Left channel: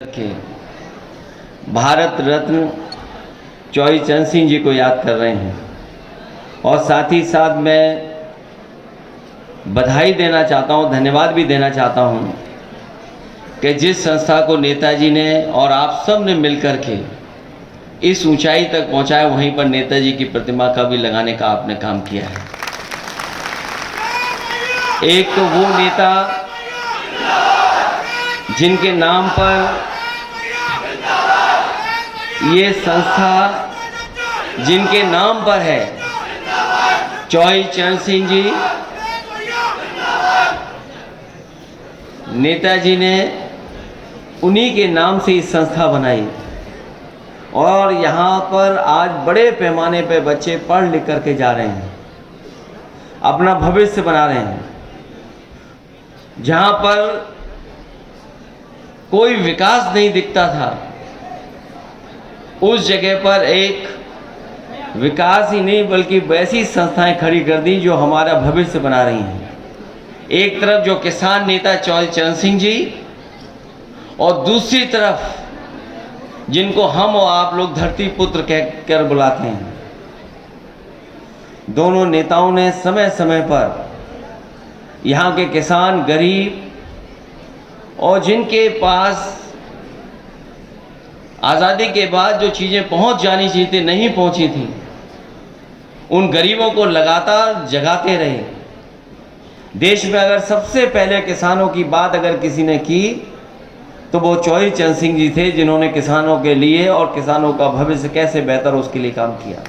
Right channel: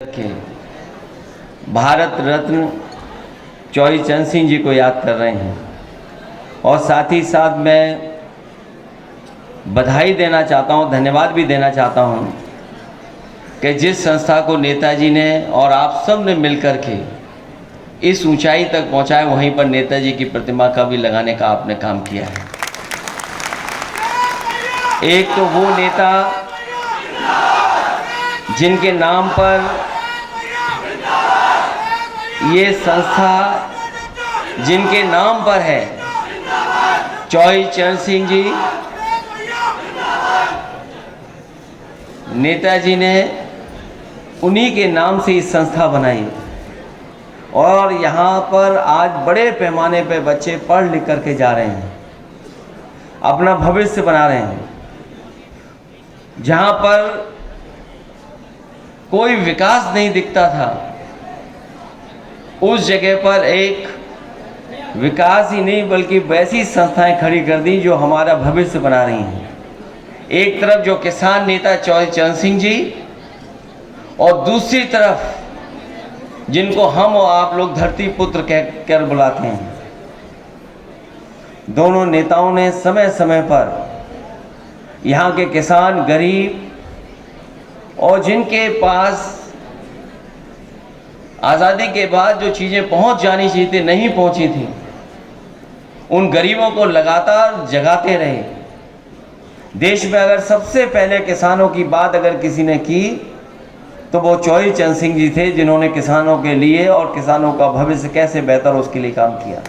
के भारत रत्न चौधरी चरण सिंह जी को याद कर रहे हैं और साथ ही साथ मैं बधाई देना चाहता हूं, धन्यवाद भी देना चाहता हूं कि जिस संस्था को नेताजी ने और आप सब ने मिलकर के इस ऊंचाई तक पहुंचाया, वहीं पर नेताजी की प्रतिमा का भी लगाने का आपने काम किया है। एक तो वो नेता जिनके नाम पर ये संस्था, जिनके नाम पर है चौधरी चरण सिंह जी, नेताजी ने उन्हीं के नाम से इस संस्था बनाई और यहाँ पर आज बड़े पैमाने पे बच्चे पढ़ लिख करके जा रहे हैं, अपना भविष्य बना रहे हैं। जहाँ पर कोई विकास नहीं दिखता था, उस जगह पर एक विकास ही नहीं बल्कि वैसी संस्थाएं खड़ी कर दी जो हमारा भविष्य बना रही हैं। एक तरफ जो किसान नेता चौधरी चरण सिंह जी और दूसरी तरफ जिनको हम और आप लोग धरती पुत्र कहकर बुलाते हैं। दोनों नेताओं ने समय समय पर यहाँ के किसान, गरीब और जिनके पास आज़ादी के बाद जो चीज़ें पहुंच जानी चाहिए थी, नहीं पहुंची थी, उन गरीबों को लगातार जगाते रहे। देश में अगर सबसे पहले किसानों की बात अगर किसी ने की तो वो चौधरी चरण सिंह जी थे, जिन्होंने किसानों के लिए और किसानों का भविष्य कैसे बेहतर हो उसके लिए काम किया।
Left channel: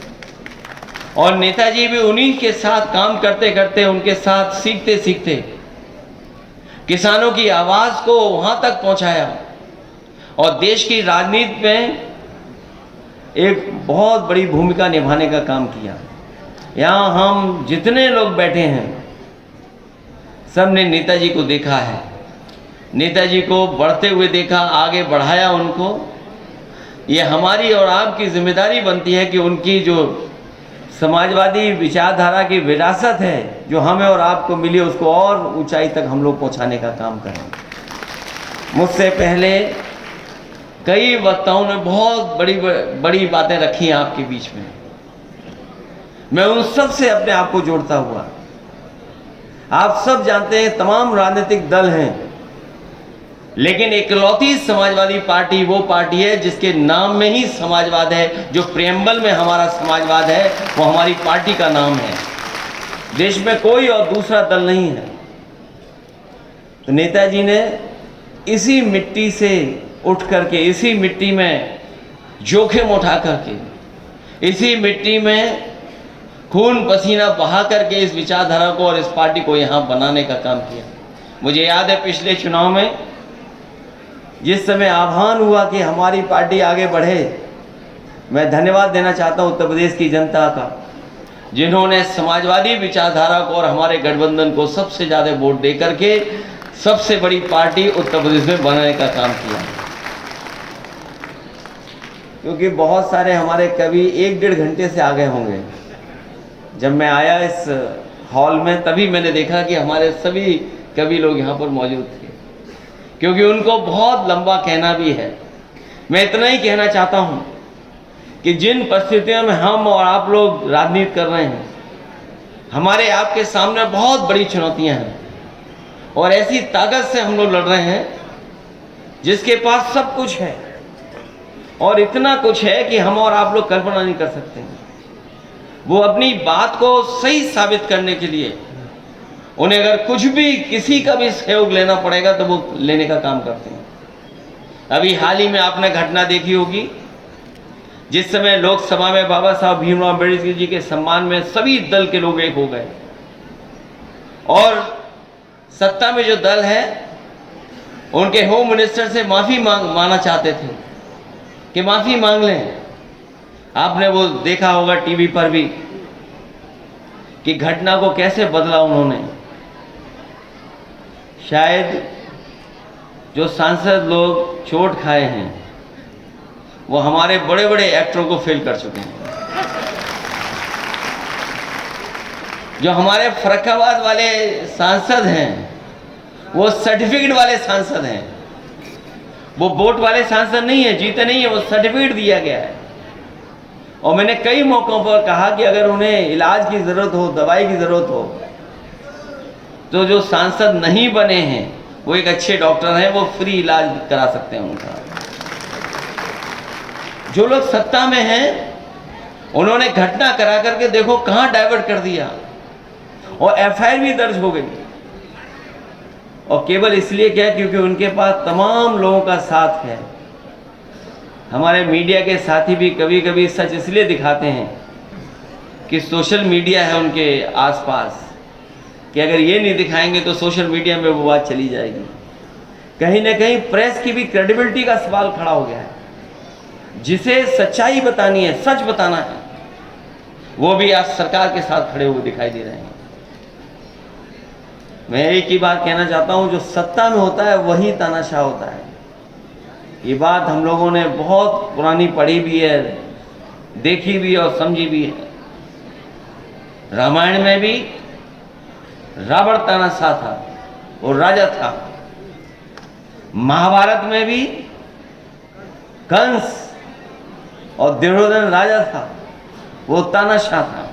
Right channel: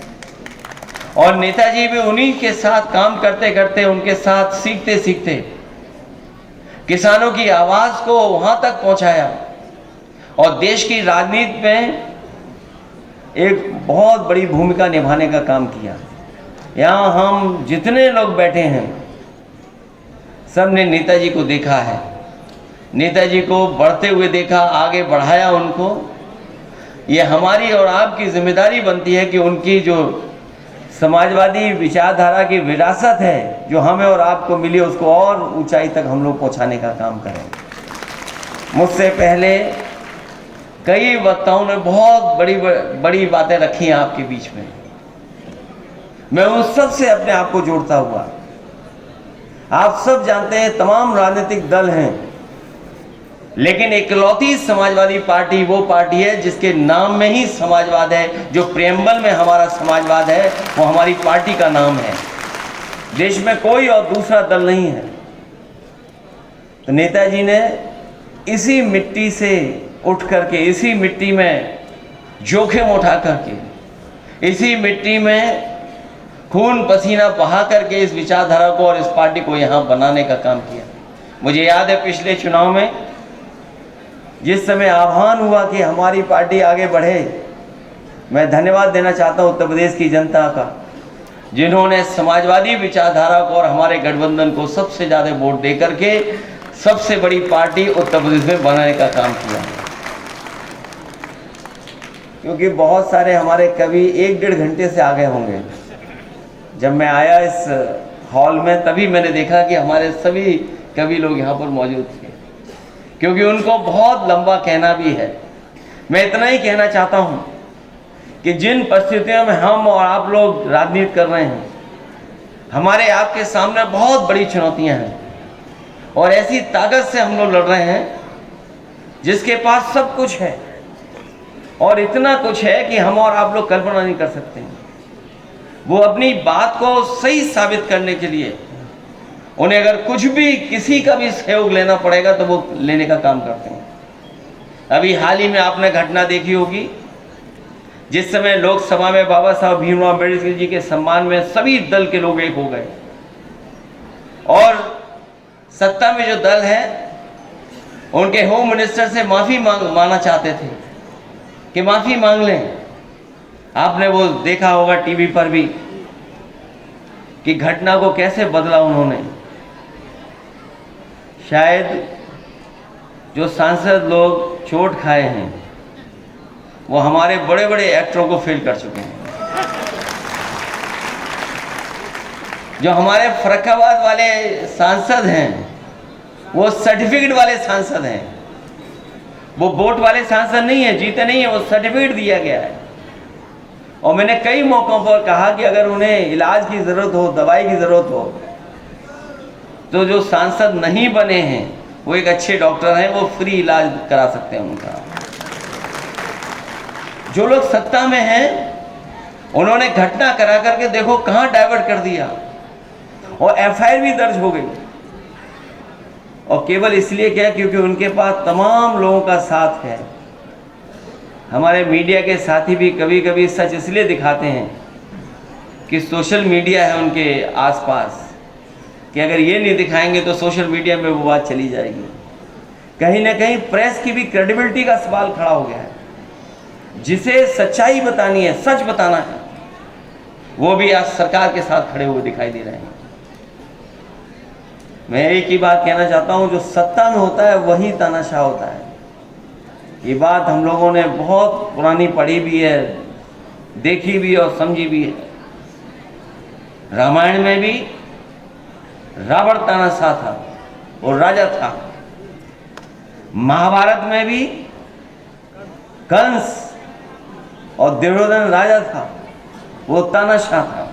और नेताजी भी उन्हीं के साथ काम करते करते, उनके साथ सीखते सीखते किसानों की आवाज़ को वहाँ तक पहुँचाया और देश की राजनीति में एक बहुत बड़ी भूमिका निभाने का काम किया। यहाँ हम जितने लोग बैठे हैं सब ने नेताजी को देखा है, नेताजी को बढ़ते हुए देखा, आगे बढ़ाया उनको। ये हमारी और आपकी जिम्मेदारी बनती है कि उनकी जो समाजवादी विचारधारा की विरासत है जो हमें और आपको मिली, उसको और ऊंचाई तक हम लोग पहुंचाने का काम करें। मुझसे पहले कई वक्ताओं ने बहुत बड़ी बातें रखी हैं आपके बीच में। मैं उन सब से अपने आप को जोड़ता हुआ, आप सब जानते हैं तमाम राजनीतिक दल हैं, लेकिन इकलौती समाजवादी पार्टी वो पार्टी है जिसके नाम में ही समाजवाद है। जो प्रेम्बल में हमारा समाजवाद है वो हमारी पार्टी का नाम है। देश में कोई और दूसरा दल नहीं है। तो नेताजी ने इसी मिट्टी से उठ करके, इसी मिट्टी में जोखिम उठा करके, इसी मिट्टी में खून पसीना बहा करके इस विचारधारा को और इस पार्टी को यहाँ बनाने का काम किया। मुझे याद है पिछले चुनाव में जिस समय आह्वान हुआ कि हमारी पार्टी आगे बढ़े, मैं धन्यवाद देना चाहता हूँ उत्तर प्रदेश की जनता का, जिन्होंने समाजवादी विचारधारा को और हमारे गठबंधन को सबसे ज़्यादा वोट दे करके सबसे बड़ी पार्टी उत्तर प्रदेश में बनाने का काम किया। क्योंकि बहुत सारे हमारे कवि 1-1.5 घंटे से आगे होंगे। जब मैं आया इस हॉल में तभी मैंने देखा कि हमारे सभी कवि लोग यहाँ पर मौजूद थे, क्योंकि उनको बहुत लंबा कहना भी है। मैं इतना ही कहना चाहता हूँ कि जिन परिस्थितियों में हम और आप लोग राजनीति कर रहे हैं, हमारे आपके सामने बहुत बड़ी चुनौतियाँ हैं और ऐसी ताकत से हम लोग लड़ रहे हैं जिसके पास सब कुछ है और इतना कुछ है कि हम और आप लोग कल्पना नहीं कर सकते हैं। वो अपनी बात को सही साबित करने के लिए उन्हें अगर कुछ भी, किसी का भी सहयोग लेना पड़ेगा तो वो लेने का काम करते हैं। अभी हाल ही में आपने घटना देखी होगी, जिस समय लोकसभा में बाबा साहब भीमराव अम्बेडकर जी के सम्मान में सभी दल के लोग एक हो गए और सत्ता में जो दल है उनके होम मिनिस्टर से माफ़ी मांगना चाहते थे कि माफ़ी मांग लें। आपने वो देखा होगा टीवी पर भी कि घटना को कैसे बदला उन्होंने। शायद जो सांसद लोग चोट खाए हैं वो हमारे बड़े बड़े एक्टरों को फेल कर चुके हैं। जो हमारे फर्रुखाबाद वाले सांसद हैं वो सर्टिफिकेट वाले सांसद हैं। वो वोट वाले सांसद नहीं है, जीते नहीं है, वो सर्टिफिकेट दिया गया है। और मैंने कई मौकों पर कहा कि अगर उन्हें इलाज की ज़रूरत हो, दवाई की ज़रूरत हो, तो जो सांसद नहीं बने हैं वो एक अच्छे डॉक्टर हैं, वो फ्री इलाज करा सकते हैं उनका। जो लोग सत्ता में हैं उन्होंने घटना करा करके देखो कहां डाइवर्ट कर दिया, और एफआईआर भी दर्ज हो गई। और केवल इसलिए क्या, क्योंकि उनके पास तमाम लोगों का साथ है। हमारे मीडिया के साथी भी कभी कभी सच इसलिए दिखाते हैं कि सोशल मीडिया है उनके आसपास, कि अगर ये नहीं दिखाएंगे तो सोशल मीडिया में वो बात चली जाएगी। कहीं ना कहीं प्रेस की भी क्रेडिबिलिटी का सवाल खड़ा हो गया है। जिसे सच्चाई बतानी है, सच बताना है, वो भी आज सरकार के साथ खड़े हुए दिखाई दे रहे हैं। मैं एक ही बात कहना चाहता हूं, जो सत्ता में होता है वही तानाशाह होता है। ये बात हम लोगों ने बहुत पुरानी पढ़ी भी है, देखी भी और समझी भी है। रामायण में भी रावण तानाशाह था, वो राजा था। महाभारत में भी कंस और दुर्योधन राजा था, वो तानाशाह था।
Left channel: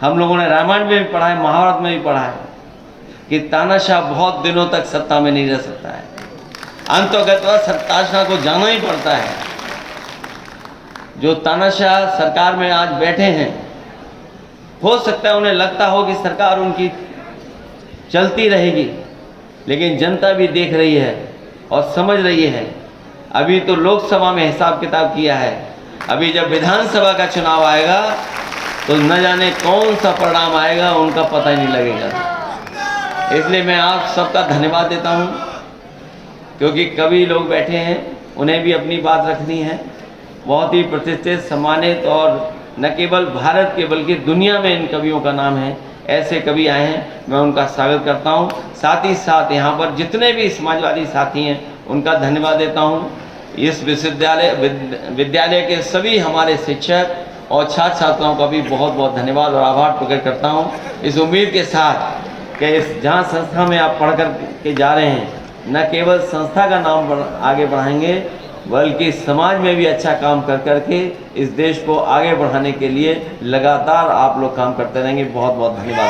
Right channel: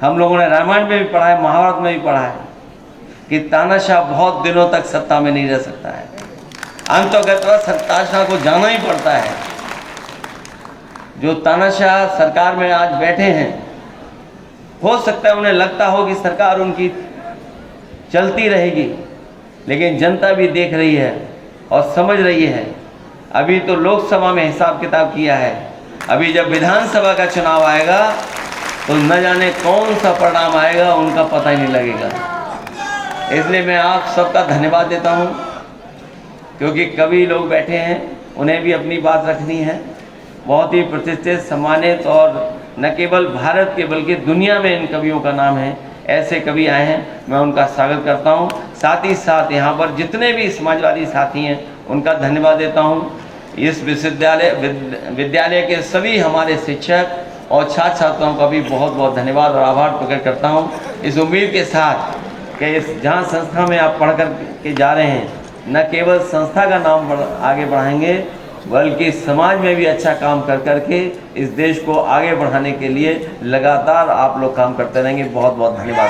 हम लोगों ने रामायण में भी पढ़ा है, महाभारत में भी पढ़ा है कि तानाशाह बहुत दिनों तक सत्ता में नहीं रह सकता है। अंततः तानाशाह को जाना ही पड़ता है। जो तानाशाह सरकार में आज बैठे हैं, हो सकता है उन्हें लगता हो कि सरकार उनकी चलती रहेगी, लेकिन जनता भी देख रही है और समझ रही है। अभी तो लोकसभा में हिसाब किताब किया है, अभी जब विधानसभा का चुनाव आएगा तो न जाने कौन सा परिणाम आएगा, उनका पता ही नहीं लगेगा। इसलिए मैं आप सबका धन्यवाद देता हूं, क्योंकि कवि लोग बैठे हैं, उन्हें भी अपनी बात रखनी है। बहुत ही प्रतिष्ठित, सम्मानित और न केवल भारत के बल्कि दुनिया में इन कवियों का नाम है। ऐसे कवि आए हैं, मैं उनका स्वागत करता हूं। साथ ही साथ यहाँ पर जितने भी समाजवादी साथी हैं उनका धन्यवाद देता हूं। इस विद्यालय के सभी हमारे शिक्षक और छात्र छात्राओं का भी बहुत बहुत धन्यवाद और आभार प्रकट करता हूं, इस उम्मीद के साथ कि इस जहाँ संस्था में आप पढ़ कर के जा रहे हैं, न केवल संस्था का नाम आगे बढ़ाएंगे बल्कि समाज में भी अच्छा काम कर करके इस देश को आगे बढ़ाने के लिए लगातार आप लोग काम करते रहेंगे। बहुत बहुत धन्यवाद।